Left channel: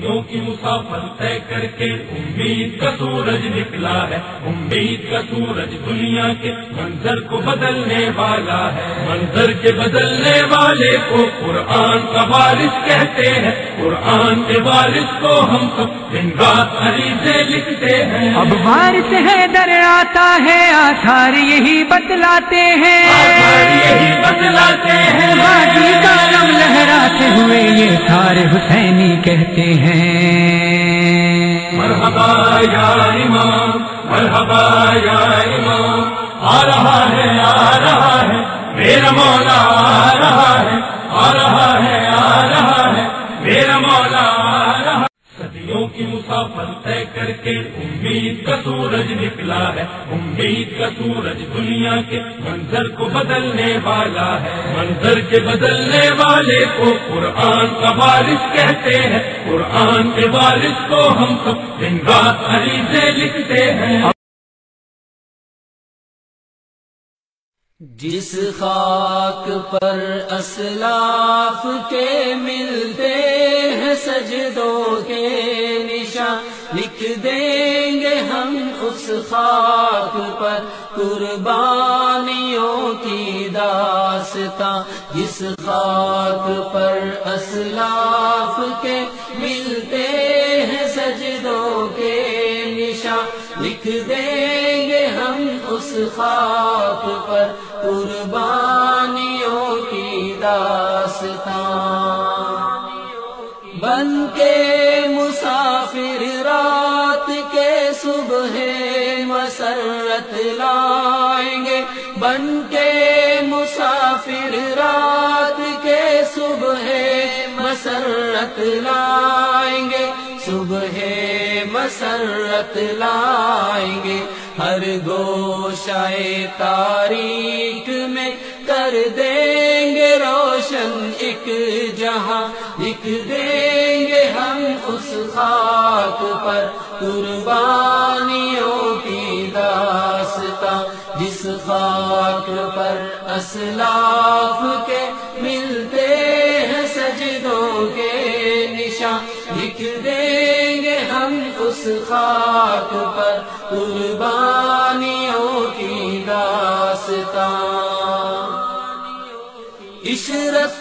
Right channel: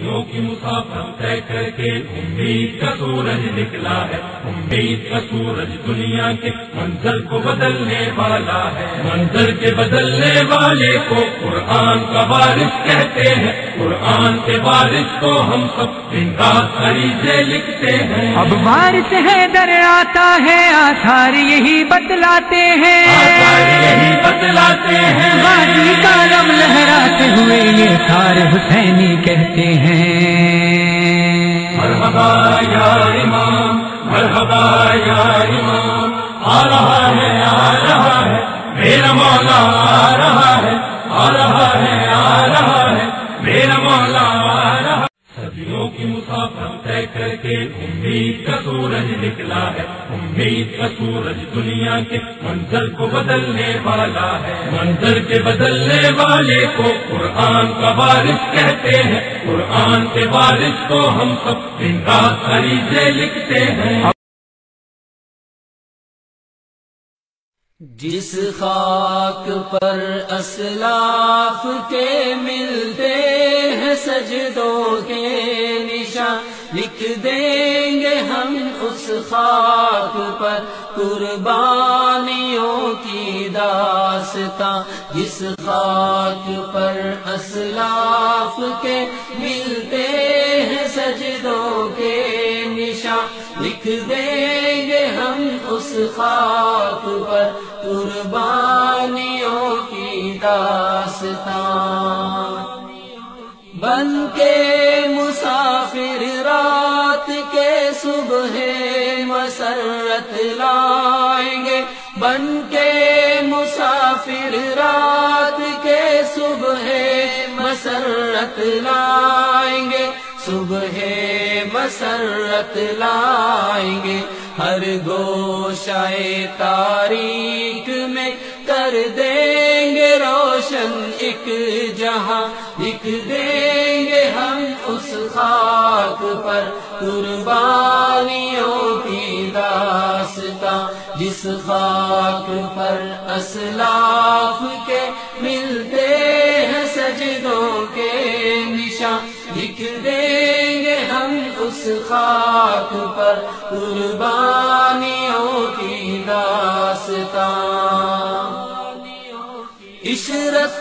صدیوں کی مسافت طے کر کے امید کا سورج نکلا ہے، امید کا سورج دنیا کے منظر کو بدلنے والا ہے، منظر کے بدلنے والے کو قرآن کا وارث کہتے ہیں، قرآن کے وارث کو ہم سب دن رات عریضیں لکھتے ہیں۔ اب وارث حیدر آتا ہے، آثار یہی بتلاتے ہیں، یہی بتلاتے ہیں، غازی کا علم لہراتے ہوئے یہ سارے حسینی کہتے ہیں۔ مرحبا یا امام، مرحبا یا امام، آ رہا ہے میرا مولا، آ رہا ہے میرا مولا، آ رہا ہے۔ صدیوں کی مسافت طے کر کے امید کا سورج نکلا ہے، امید کا سورج دنیا کے منظر کو بدلنے والا ہے، منظر کے بدلنے والے کو قرآن کا وارث کہتے ہیں، قرآن کے وارث کو ہم سب دن رات عریضیں لکھتے ہیں۔ جس خاک پر اسلاف کے ملتے ہیں سجدوں کے نشان، لکھ دیں گے ہم اس خاک پر قربانیوں کی داستاں۔ جس خاک پر اسلاف کے ملتے ہیں سجدوں کے نشان، لکھ دیں گے ہم اس خاک پر قربانیوں کی داستاں۔ بن کے مسافر رات کے صبح مسرت لائیں گے، بن کے مسافر رات کے صبح مسرت لائیں گے، صبح مسرت لائیں گے۔ ہر گوشہ تاریک میں کر دیں گے روشن ایک جہاں، لکھ دیں گے ہم اس خاک پر قربانیوں کی داستاں۔ جس خاک پر اسلاف کے ملتے ہیں سجدوں کے نشان، لکھ دیں گے ہم اس خاک پر قربانیوں کی داستاں۔ عشرت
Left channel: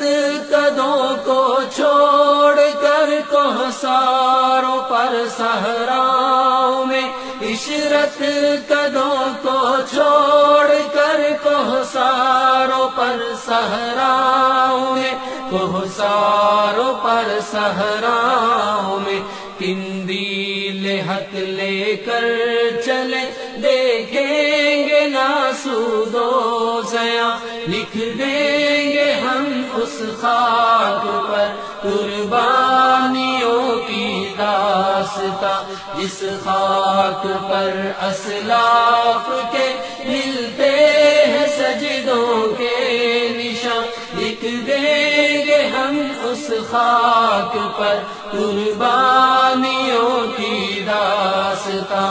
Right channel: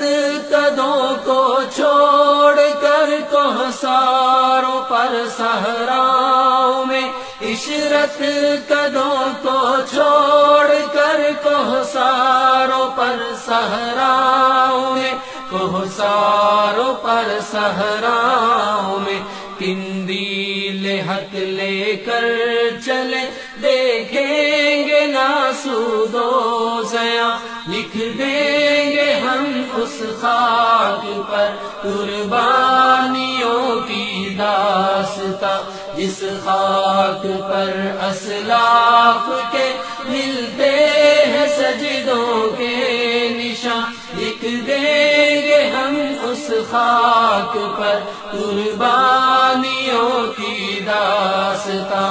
قدوں کو چھوڑ کر کوہساروں پر صحراؤں میں، عشرت قدوں کو چھوڑ کر کوہساروں پر صحراؤں میں، کوہساروں پر صحراؤں میں قندیل حق لے کر چلے، دیکھیں گے ناسود و ضیاء، لکھ دیں گے ہم اس خاک پر قربانیوں کی داستاں۔ جس خاک پر اسلاف کے ملتے ہیں سجدوں کے نشان، لکھ دیں گے ہم اس خاک پر قربانیوں کی داستاں۔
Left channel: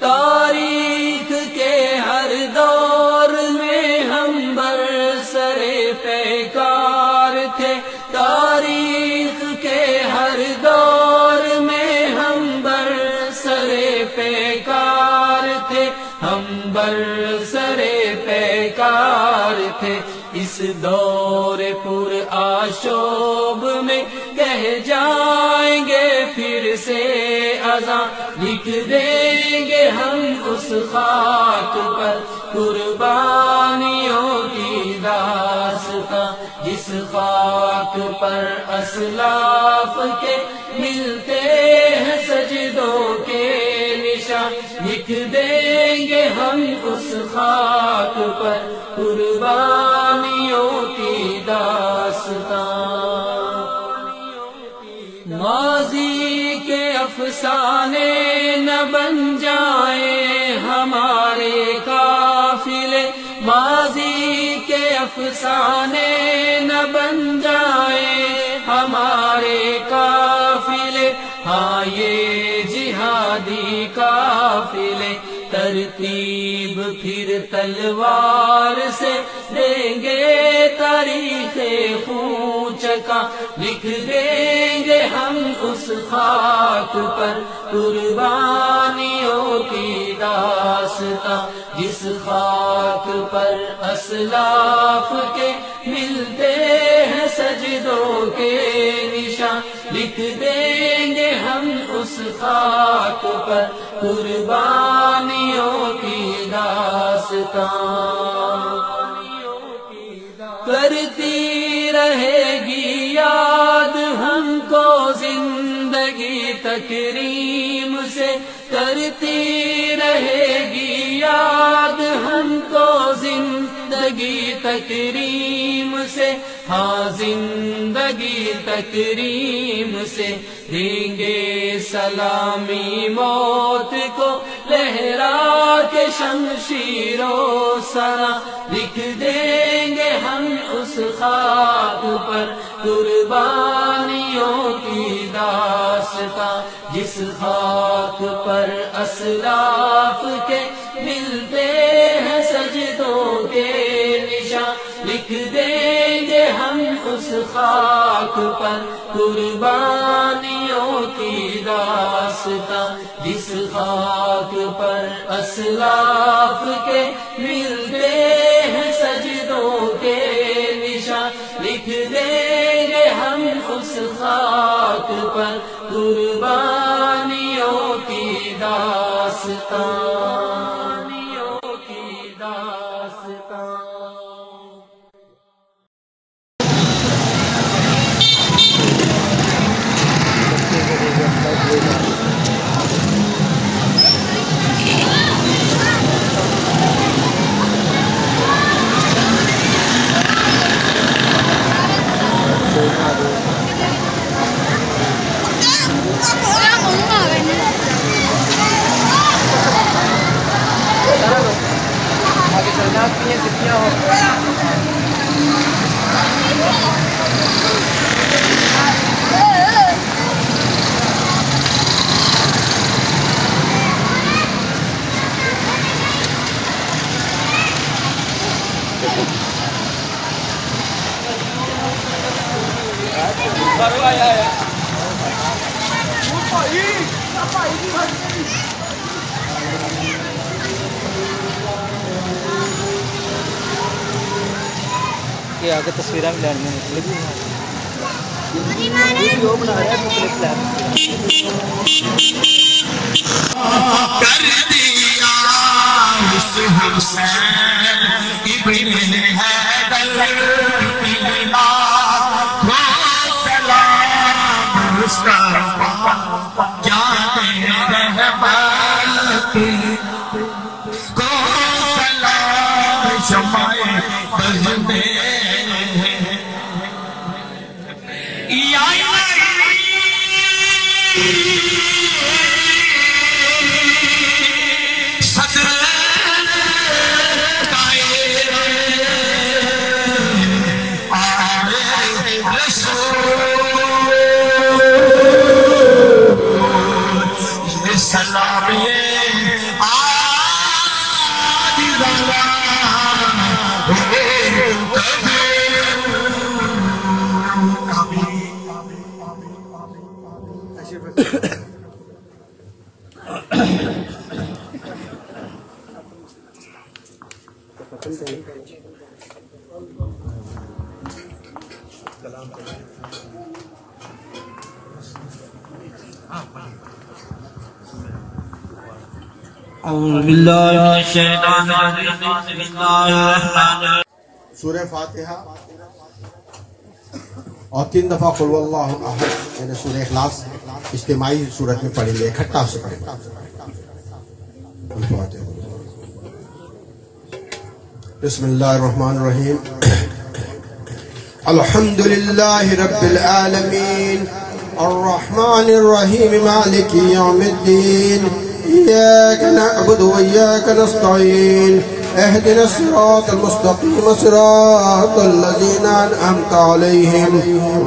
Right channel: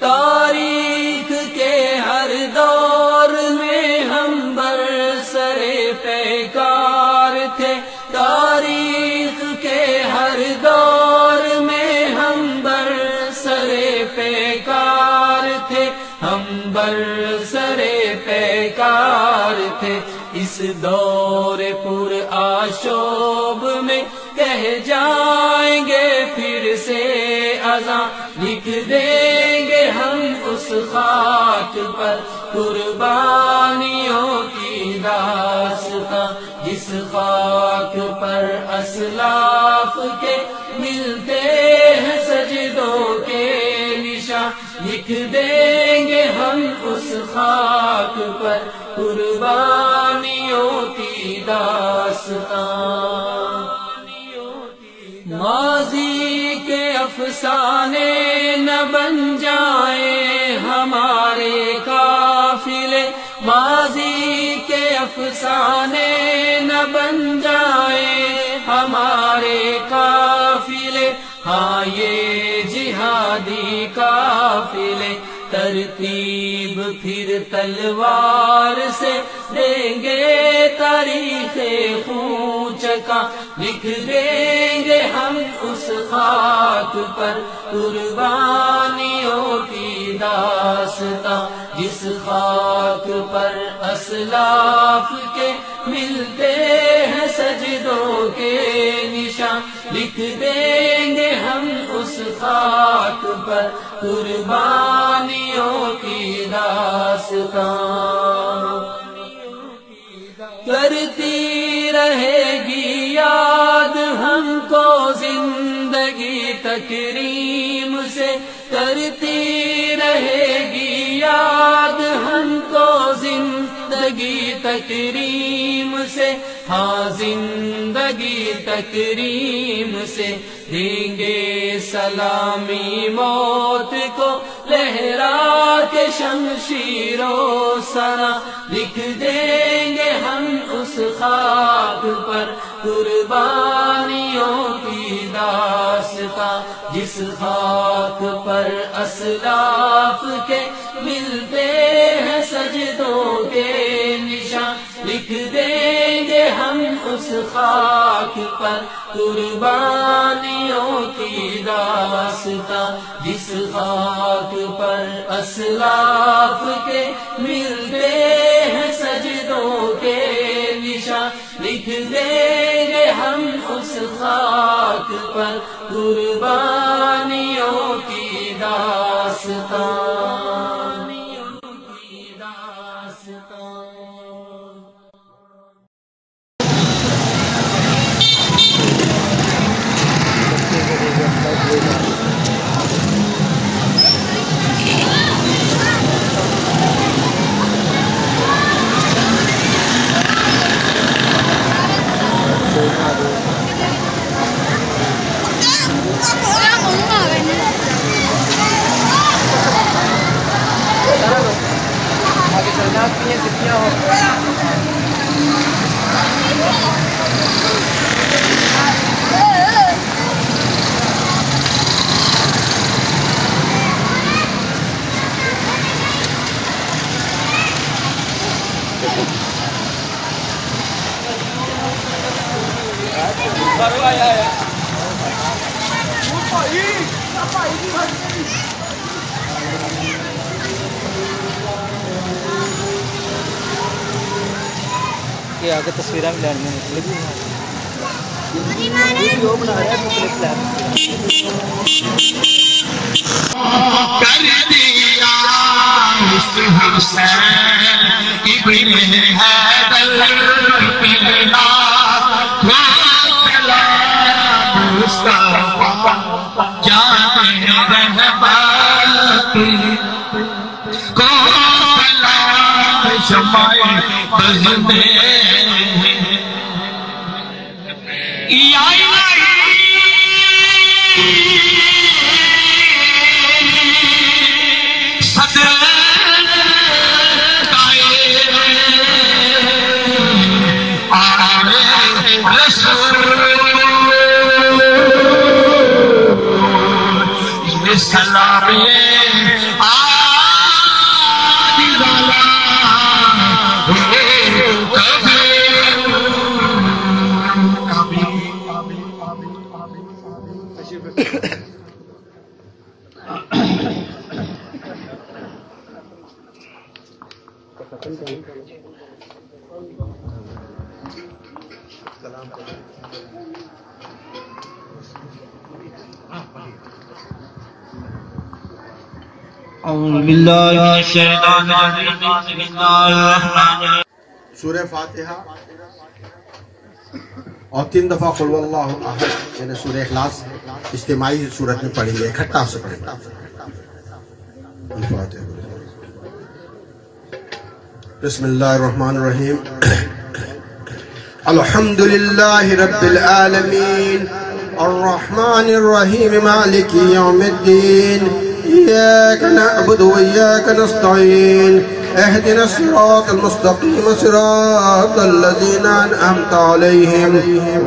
تاریخ کے ہر دور میں ہم برسر پیکار تھے، تاریخ کے ہر دور میں ہم برسر پیکار تھے، ہم برسر پیکار تھے۔ اس دور پر آشوب میں کہہ جائیں گے پھر سے اذاں، لکھ دیں گے ہم اس خاک پر قربانیوں کی داستاں۔ جس خاک پر اسلاف کے ملتے ہیں سجدوں کے نشان، لکھ دیں گے ہم اس خاک پر قربانیوں کی داستاں۔ ماضی کے افسانے نہ بن جائیں ہمارے قافلے، ماضی کے افسانے نہ بن جائیں ہمارے قافلے، ہاں یہ جہادی قافلے ترتیب پھر تلوار سے دیں گے تاریخ خون چکا، لکھ دیں ہم اس خاک پر قربانیوں کی داستاں، جس خاک پر اسلاف کے ملتے ہیں سجدوں کے نشان، لکھ دیں گے ہم اس خاک پر قربانیوں کی داستاں۔ کرتی رہے گی یاد ہم کو زندگی تکریم سے، کرتی رہے گی یاد ہم کو زندگی تکریم سے، ہاں زندگی تکریم سے، دیں گے سلامی موت کو لہرا کے شمشیر و سنا، لکھ دیں گے ہم اس خاک پر قربانیوں کی داستاں، جس خاک پر اسلاف کے ملتے ہیں سجدوں کے نشان، لکھ دیں گے ہم اس خاک پر قربانیوں کی داستاں، جس خاک پر اسلاف کے ملتے ہیں سجدوں کے نشان، لکھ دیں گے ہم اس خاک پر قربانیوں کی داستاں۔ کہ آگے تصویریں بھی لینی مختلف ویڈیو بنا رہے ہیں مختلف پلان کر دیا حسین ابن حیدر پیلا کو سلام مصطفیٰ جان رہبر کو سلام شمع بز میں سلام سورہ فاتحہ اور 3 دفعہ قل هو اللہ احد یعنی سورہ اخلاص اجتماعی صورت میں پڑھیں گے، اکٹھا سے پڑھیں گے۔ بسم اللہ الرحمن الرحیم الحمد للہ رب العالمین الرحمن الرحیم مالک یوم الدین إياك نعبد وإياك نستعين اهدنا الصراط المستقيم صراط الذين أنعمت عليهم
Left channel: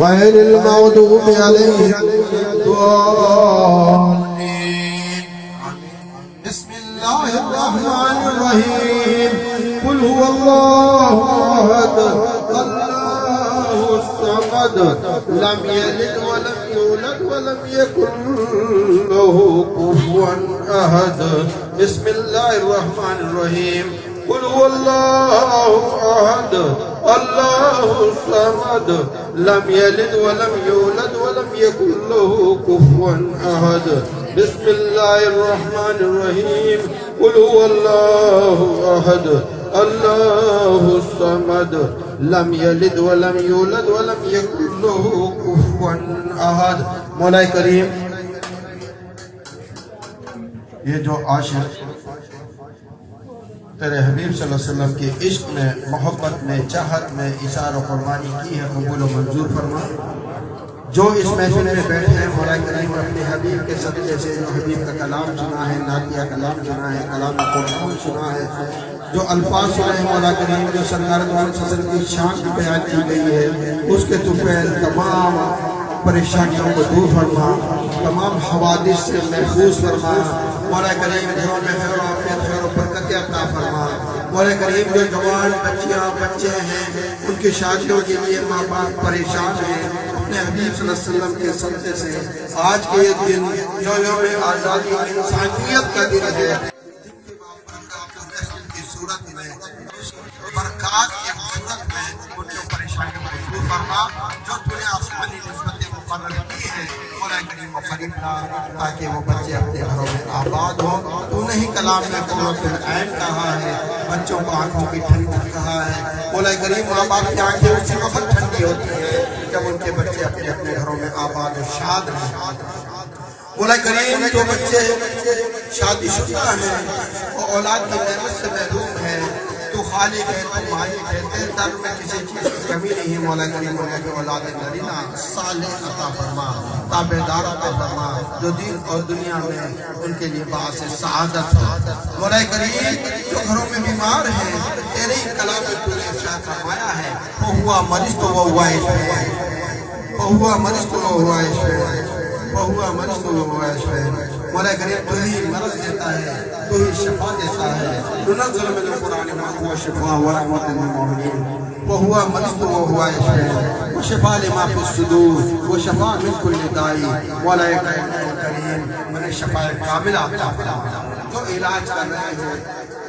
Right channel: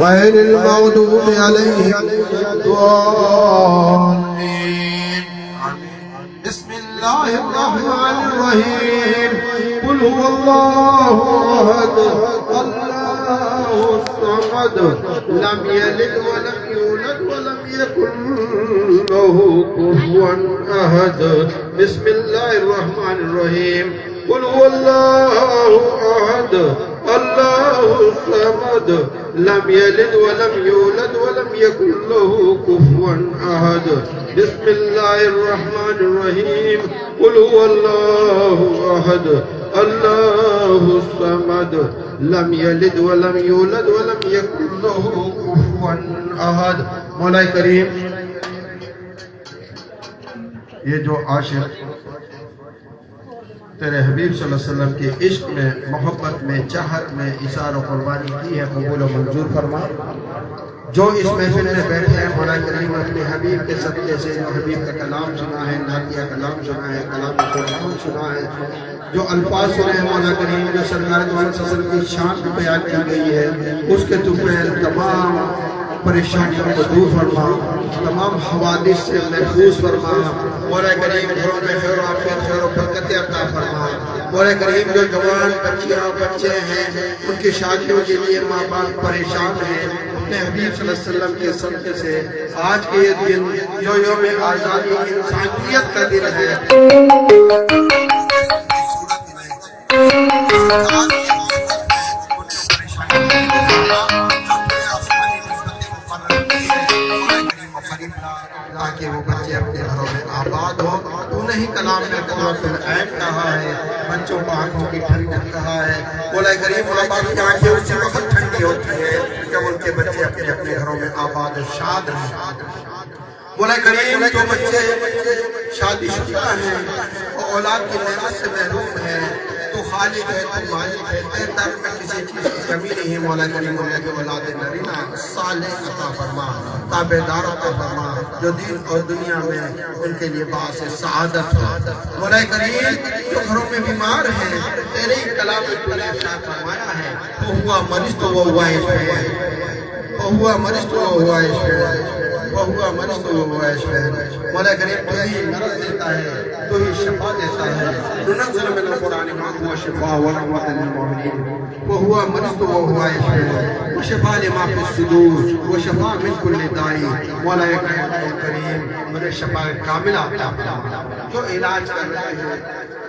غير المغضوب عليهم الضالين بسم الله الرحمن الرحيم قل هو الله أحد الله الصمد لم يلد ولم يولد ولم يكن له كفوا أحد بسم الله الرحمن الرحيم قل هو الله أحد الله الصمد لم يلد ولم يولد ولم يكن له كفوا أحد بسم الله الرحمن الرحيم قل هو الله أحد الله الصمد لم يلد ولم يولد ولم يكن له كفوا أحد. مولا کریم یہ جو عاشق تیرے حبیب صلی اللہ علیہ وسلم کے عشق میں محبت میں چاہت میں اثار و قربانی کی ہے قبول و منظور فرما. جو اس محفل میں بیٹھے ہیں مولا کریم اپنے حبیب کے صدقے سے جو حبیب کا کلام سنا ہے نعتیہ کلام سنا ہے کلام قرآن سنا ہے جو الفاظ سنے مولا کریم جو سرکار دو علیہ وسلم کی شان میں بیان کی گئی ہے اس کے طفیل تمام پریشانیوں کو دور فرما تمام حوادث سے محفوظ فرما. مولا کریم گھروں میں خیر و عافیت خیر و برکت عطا فرما. مولا کریم جو جوان بچیاں بچے ہیں ان کی شادیوں کے لیے ماں باپ پریشان ہیں اپنے حبیب صلی اللہ علیہ وسلم کے صدقے سے آج کے یہ دن جو یوم آزادی انسانیت کا دن ہے اس صورت میں سرکار کی صورت میں ان کی پریشانی کو فرما جو تمہیں آسمانی نسبتیں مقرر کی ہے مولا کریم و قریب لا تاکہ وہ بچے اپنے گھروں میں آباد ہوں. تو نہیں کلام میں قرۃ العین کہا ہے بچوں کو آنکھوں کی ٹھنڈک کہا ہے. مولا کریم ماں باپ کی آنکھیں اس وقت ٹھنڈی ہوتی ہیں جب ان کے بچے اپنے اپنے گھروں میں آباد شاد ہیں. مولا کریم جو بچے شادی شدہ ہیں اور اولاد کی نعمت سے محروم ہیں تو خالق ہے تو مالک ہے تیرے در میں کسی چیز کی کمی نہیں ہے. مولا کریم انہیں کہ اولاد نرینہ صالح عطا فرما تابعدار عطا فرما جو دین اور دنیا میں ان کے لیے باعث سعادت ہے. مولا کریم جو گھروں میں بیمار ہیں تیرے ہی کلام میں نے ارشاد فرمایا ہے وَهُوَ مَرِضْتُ وَهُوَ يَشْفِينِ وَهُوَ مَرِضْتُ وَهُوَ يَشْفِينِ وَهُوَ مَرِضْتُ وَهُوَ يَشْفِينِ. مولا کریم تو ہی مرض دیتا ہے تو ہی شفا دیتا ہے. ننزل من القرآن ما هو شفاء ورحمة للمؤمنين وهو مَرِضْتُ وَهُوَ يَشْفِينِ وشفاء لما في الصدور وشفاء من كل داء. مولا کریم انہیں شفاء کامل عطا فرما. جو علاج کر رہے ہیں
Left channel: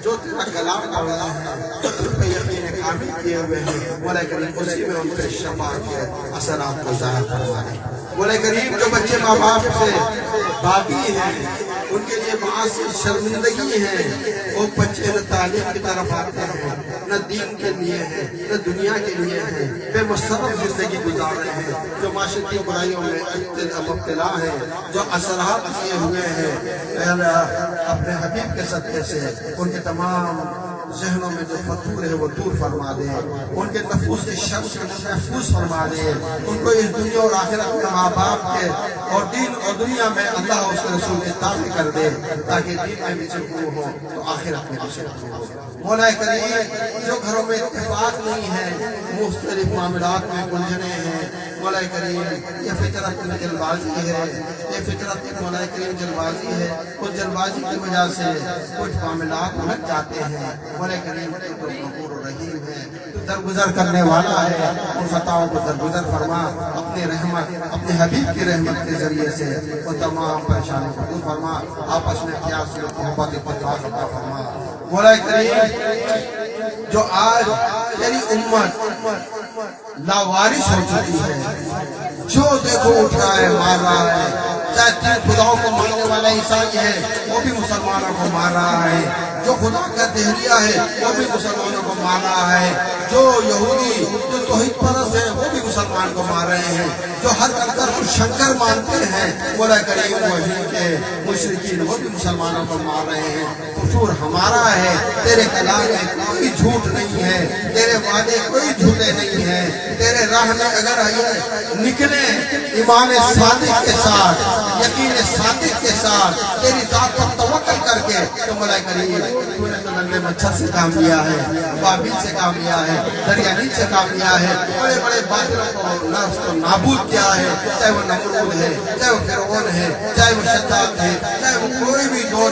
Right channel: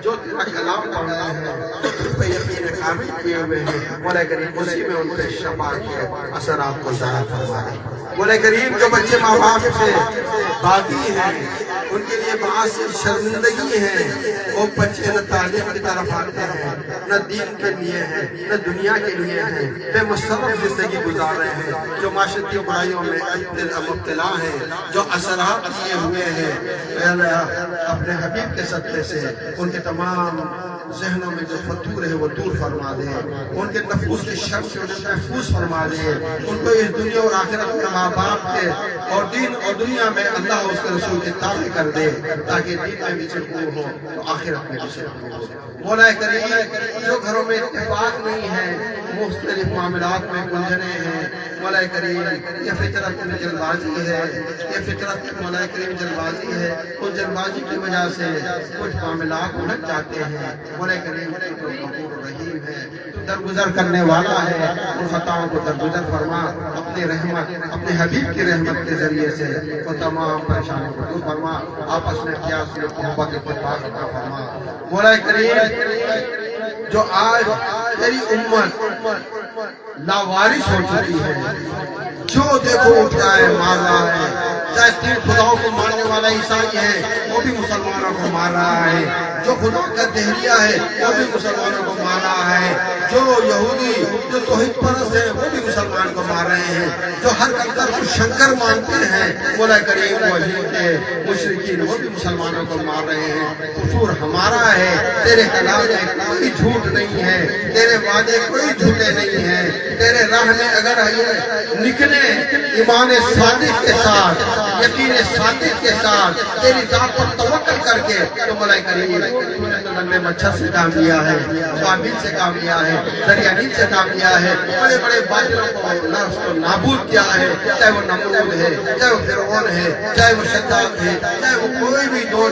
جو تیرا کلام پڑھ رہے ہیں جو پہ یقین کامل کیے ہوئے ہیں مولا کریم اسی میں ان کے شفا کے اثرات کو ظاہر فرما دے. مولا کریم جو بچے ماں باپ سے باغی ہیں ان کے لیے باعث شرمندگی ہے وہ بچے نہ تعلیم کی طرف آتے ہیں نہ دین کے لیے ہیں نہ دنیا کے لیے ہیں بے مصرف زندگی گزار رہے ہیں جو معاشرتی برائیوں میں مبتلا ہیں جو اثرات لیے ہوئے ہیں اپنے حبیب کے صدقے سے ان کے تمام ذہنوں میں جو فتور ہے وہ دور فرما دے ان کے نفوس کی شر سے انہیں محفوظ فرما دے ان کو اس دنیا اور آخرت میں ماں باپ کے اور دین اور دنیا میں اللہ اس کے رسول کی تعریف کر دے تاکہ دین میں بھی سکون ہو تو آخرت میں بھی سکون ہو. مولا کریم جو گھروں میں اتفاق نہیں ہے مختلف معاملات میں گنجنے ہیں مولا کریم یہ فطرت میں جلد بازی ہے یہ فطرت میں مولا کریم جلد بازی ہے اس جلد بازی کی وجہ سے کچھ معاملات الجھ جاتے ہیں. مولا کریم غفور الرحیم ہے تو درگزر کرنے والا ہے ان خطاؤں کو درگزر فرما اپنے رحمت اپنے حبیب کی رحمت کے ذریعے سے وہ تمام پریشانیوں کو دور فرما آپس میں کیا صورت محبت اتفاق عطا فرما. مولا کریم جو آج تیری امت لاوارث ہو چکی ہے جو دیکھو اٹھ رہا ہے مار رہا ہے چاہے تین خداؤں کو ماننے والا عیسائی ہے وہ بھی مسلمانوں کو مار رہا ہے جو خدا کا دہریہ ہے وہ بھی مسلمانوں کو مار رہا ہے جو یہودی جو توحید پرست ہیں وہ بھی مسلمان کو مار رہے ہیں جو ہر اندر کو شنکر مانتے ہیں مولا کریم وہی کے مشرکین وہ بھی مسلمانوں کو مار رہے ہیں. قصور ہمارا ہے تیرے کلام میں کوئی جھوٹ نہیں ہے تیرے وعدے کوئی جھوٹے نہیں ہیں تیرے راہ میں اگر نکلے ایمان صادق کے ساتھ یقین صادق کے ساتھ تیری ذات پر توکل کر کے تو مولا کریم تو نے تو ننگے مچھر سے کام لیا ہے بابل سے کام لیا ہے دریا نیل سے کام لیا ہے بڑے بڑے باطلوں کو نفس کو نابود کیا ہے چاہے وہ نمرود ہے چاہے وہ فرعون ہے چاہے وہ شداد ہے چاہے وہ کوئی بھی دور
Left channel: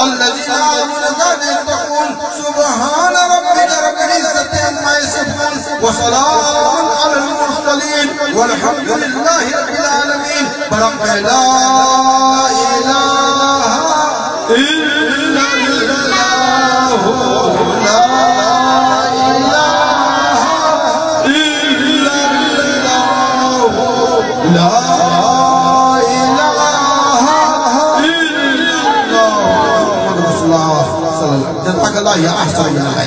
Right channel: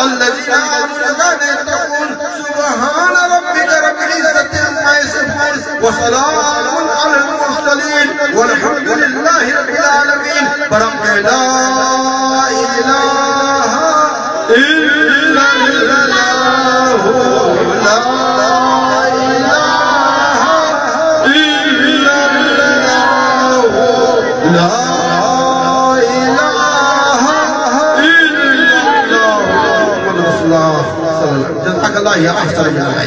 الذين آمنوا ويتقون سبحان ربك رب العزة عما يصفون وسلام على المرسلين والحمد لله رب العالمين. برحمة لا إله إلا الله لا إله إلا الله لا إله إلا الله محمد رسول الله صلى الله عليه وسلم. جزاك الله يا أحسن.